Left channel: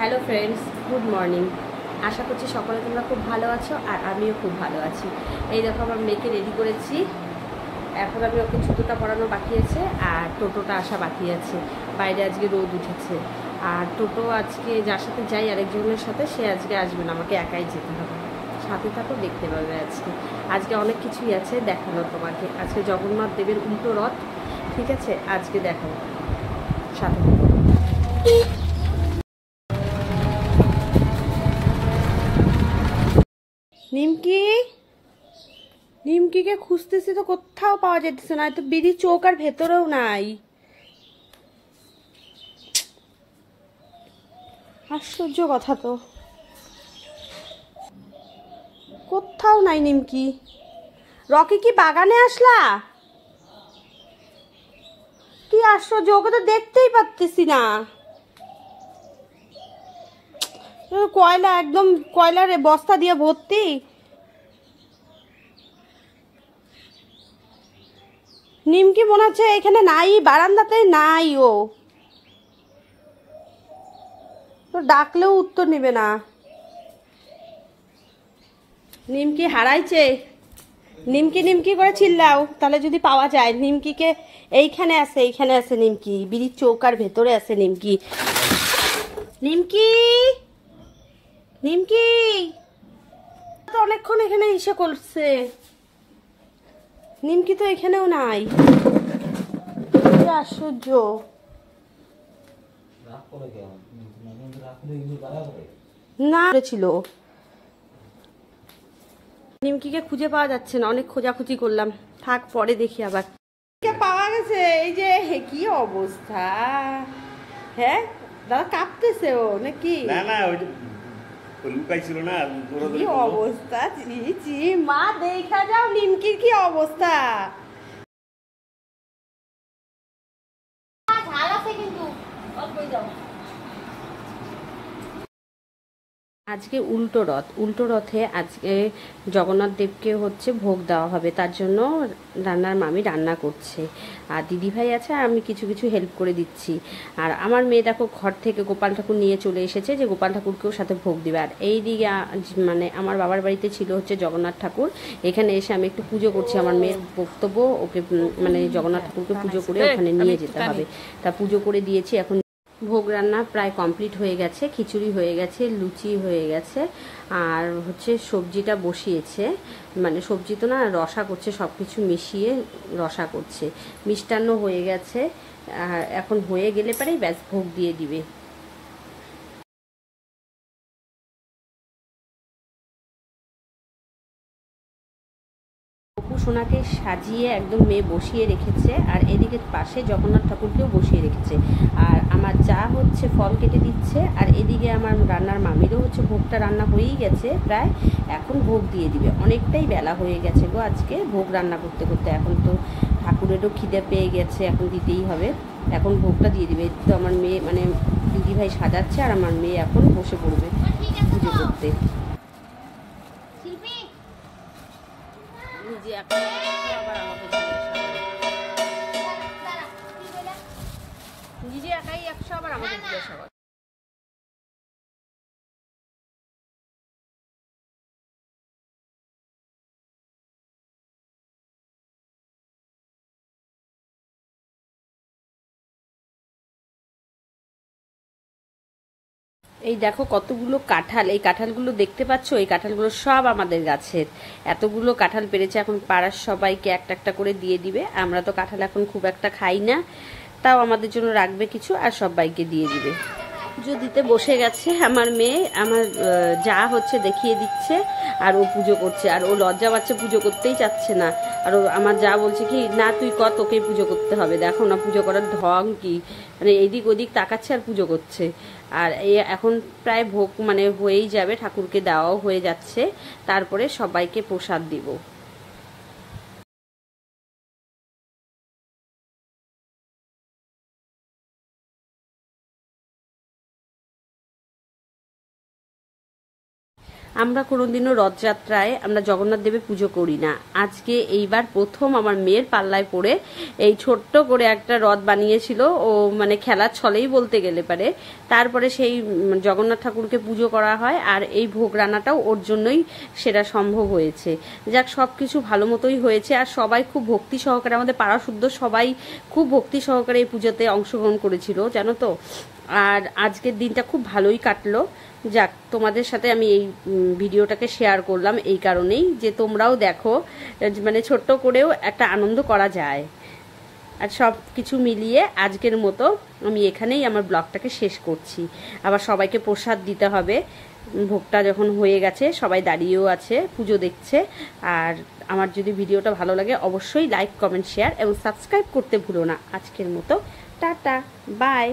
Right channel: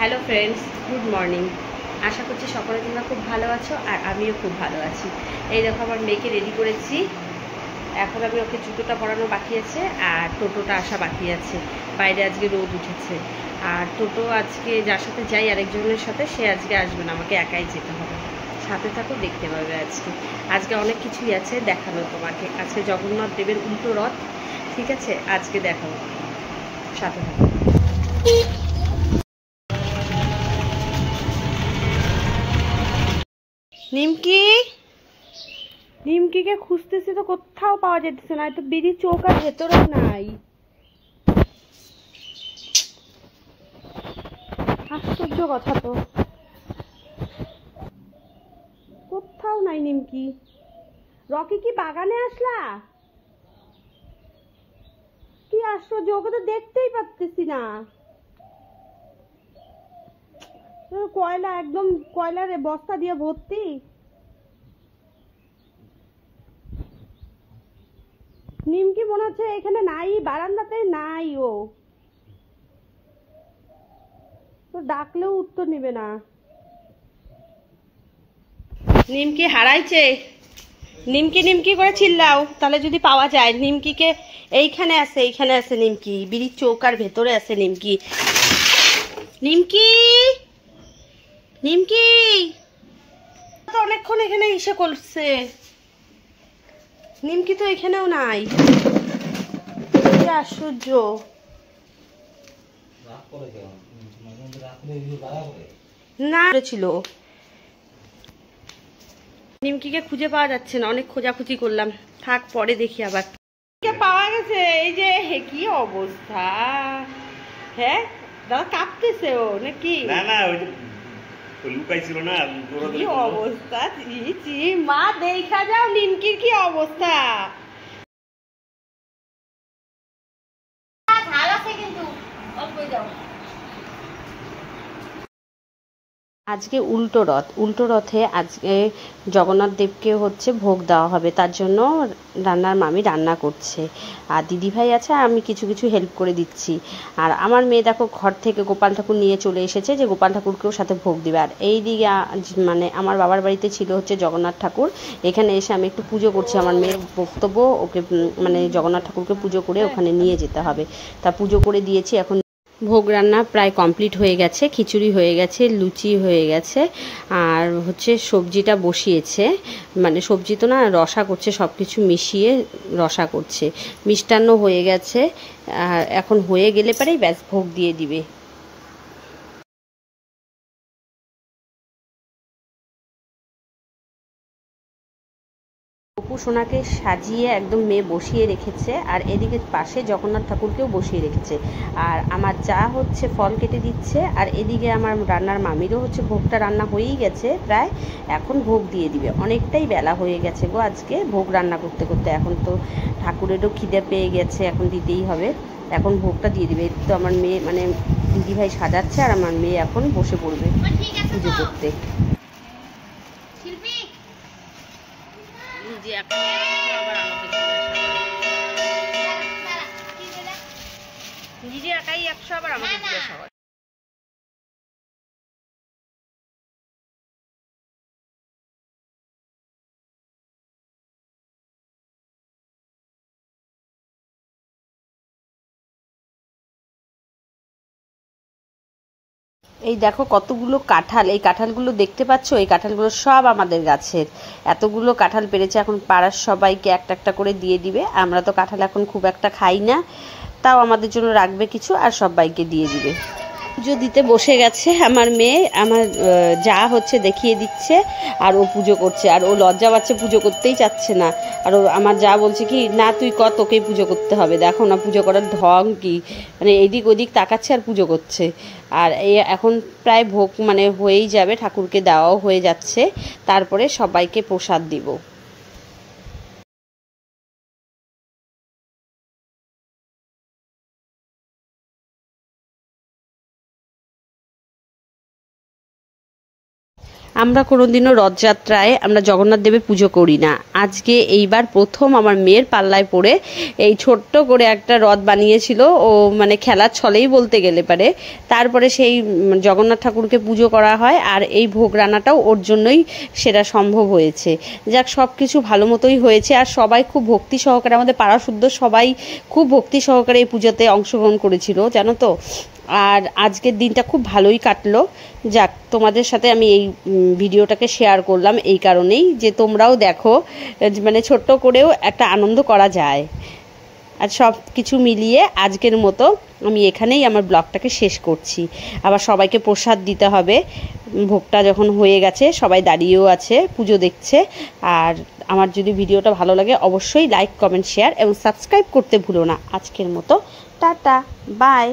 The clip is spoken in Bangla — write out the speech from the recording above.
Hello friends, good morning. আশা করছি সকলে তোমরা খুব ভালো আছো আর আমিও খুব ভালো আছি। এই দেখো আমার মেয়েকে রেডি করেছি। এখন আমি ওকে জুতোটা পরানো বাকি আছে আর টোটোটা আসা বাকি আছে। বাইরে আজকে রোদ উঠেছে আর টোটো আজকে যার সাথে যাই আরেকজনের সাথে, সে আজকে আসবে না, আমাকে একাই যেতে হবে। সাথে থাকো, দেখতে পাবে। আজকে অনেক কিছুই আছে দেখানো তোমাকে। আজকে জগন্নাথ দেবের উল্টো রথ, ঠিক আছে? আজকে দেখাবো, সাথে থাকো। নিমকি, নিমকিকে খুঁজতেছি তো কোথাও পাওয়া যেতেছে না। তো বিড়ি চৌকার ভেতরেও নাই। আশ্চর্য কথা তো, কোথাও নাই নিমকি। রকি কি বাগানে আসলা? কি আশ্চর্য, ওকে তো দেখতেই পাচ্তেছি না। কয়লা, একদম কয়লার বস্তা দিয়ে ভর্তি। নিমকি মনে হচ্ছে এখানে নাই, বারান্দাতে নাই। ও তো ডাকলেও উত্তর নেবে না। নিমকি হারাইছে। নিমকি নিমকি করে চিল্লাও, তাহলে যদি পাওয়া যায়। নিমকিকে এইখানে আছে, এইখানে আছে নিমকি, বিড়ির চৌকার ভেতরে আছে নিমকি। নিমকি, নিমকি তো অনেকক্ষণ এখানে এসে করছে, নিমকি তো এখানেও নাই। কি আশ্চর্য। না ছিল, নিমকিকে খুঁজে পাওয়া যাচ্ছে না, অনেক খোঁজাখুঁজি করলাম। থাক, পরে দেখি আবার। পাওয়া গেছে। এই যে কি অবস্থা। হ্যাঁ দাদা, কাঁপতেছে ও নাকি? না না, ওই যে লুকাইছিল না, কি অবস্থা। চি চি, মা দেখা যাও নিমকির কি অবস্থা। ঝাল আছে কিন্তু অল্প দাও। আজকে উল্টো রথ, উল্টো রথে আজকে জগন্নাথ দেবকে হচ্ছে ভোগ দেওয়া হবে। তার জন্য রান্নার মামি রান্না করছে আর দিদিভাই আছে, আর আমি কিছু কিছু হেল্প করে দিচ্ছি। আর আমার মেয়ে দেখো ঘর থেকে গোপাল ঠাকুর নিয়ে চলে এসেছে, যে গোপাল ঠাকুরকেও সাথে ভোগ দিবে। আর এই দিকে মানে আমার বাবার বাড়িতে ছিল হচ্ছে জগন্নাথ ঠাকুর। এখানে এসে আমি একটু পুজো করছি। আমার মেয়ের বক্তব্য, ওকে মানে জগন্নাথ ঠাকুরকে পুজো করে ওখানে নিয়ে যেতে হবে। তা পুজো করে দিয়েছি। এখন ভোগ রান্না প্রায় কমপ্লিট হয়ে গেছে। খিচুড়ি হয়ে গেছে, লুচি হয়ে গেছে, আর হচ্ছে সবজিটা বসিয়েছে। মানে সবজি তো না, রসা করছে, সব কিছু মিশিয়ে রসা করছে। মিষ্টান্ন হয়ে গেছে, আর এখন হয়ে গেলে পরেই ব্যাস ভোগ দিয়ে দিবে। অপু সোনাকে সাজিয়ে একদম মেয়ে বসিয়ে রেখেছে, আর এদিকে পাশে জগন্নাথ ঠাকুরকেও বসিয়ে রেখেছে। আর আমার যা হচ্ছে ফল কেটে দিচ্ছে, আর এদিকে আমার রান্নার মামিরও হচ্ছে ভোগটা রান্না হয়েই গেছে প্রায়। এখন ভোগ দিয়ে দিবে। অনেকটাই বেলা হয়ে গেছে গো আজকে ভোগ রান্না করতে করতে। এখন তো ঠাকুরেরও খিদে পেয়ে গেছে, এখন দিতেই হবে। এখন ভোগটা দিয়ে দিবে। তো আমার মেয়ে মানে দিদিভাই সাজাচ্ছে, আর আমার মেয়ে এখন বসে পড়বে পুজো করতে। নিজে এখন আবার আমাকে নিজে একাই 100, আবার আমাকে জিজ্ঞাসা করে। এই দেখো কতগুলো কাঁঠাল। এই কাঁঠালগুলো দেখতে পাচ্ছ, এই কাঁঠালগুলো সব আমাদের গাছের। এতগুলো কাঁঠাল পেরেছে। এখন পাড়ার সবাইকে একটা একটা করে দিয়ে দিবে। আমরা তো কাঁঠাল এখন খুব একটা খাই না, তাও আমাদের জন্য রাখবে কিছু, আর সবাইকে দিয়ে দিবে। পুজো দিতে বসে গেছে আমার মেয়ে। আমার যা হচ্ছে দেখিয়ে দিচ্ছে, আর ও পুজো করছে। আর ও লজ্জা পাচ্ছে, পুজো করতেই চাচ্ছে না। আর ও আমার যা বলছে কি, না তুই কর, তোকেই পুজো করতে হবে। দেখো না পুজো করার ঢং কি, মানে এদিক ওদিক তাকাচ্ছে আর পুজো করছে। আর এই এখন প্রায় ভোগ মানে হয়েই যাবে, ঠাকুরকে দেওয়াও হয়ে যাচ্ছে। তারপরে সবাইকে প্রসাদ দিব। আমরা কোনোদিনও রথযাত্রায় আমরা জগন্নাথ দেবের পুজো করি না। আজকে এইবার প্রথম আমার মেয়ের পাল্লায় পড়ে এই ছোট্ট করে একটা রথ বানিয়েছিল, ও মানে খেলার ছলেই বলতে গেলে পারে। তারপরে সেই জগন্নাথ ঠাকুরকে পুজো করা হয়, আর এই ভোগ রান্নাটাও ওর জন্যই সেটা সম্ভব হয়েছে। যাক, সব কিছু ভালো মতোই হয়েছে, আর সবাই খুব ভক্তি সহকারে, আমাদের পাড়া শুদ্ধ সবাই খুব ভক্তি সহকারে এই পুজোতে অংশগ্রহণ করেছিল, জানো তো। আর আজকের দিনটা খুব ভালোই কাটলো। যাক, তোমাদের সাথে আমি এই ভিডিওটাকে শেয়ার করলাম এই কারণেই যে তোমরাও দেখো, মানে ছোট্ট করেও একটা আনন্দ করা যায়। আর সব কিছু মিলিয়ে আজকের মতো আমি এখানেই আমার ব্লগটাকে শেষ করছি। আবার সবাইকে প্রসাদ দিতে হবে, ভোগটা যখন হয়ে গেছে সবাই দাঁড়িয়েও আছে, পুজো দেখছে। আর আমার যদি ভিডিওটা ভালো লাগে অবশ্যই লাইক, কমেন্ট, শেয়ার এবং সাবস্ক্রাইব করতে ভুলো না। আজকের মতো টাটা, বাই।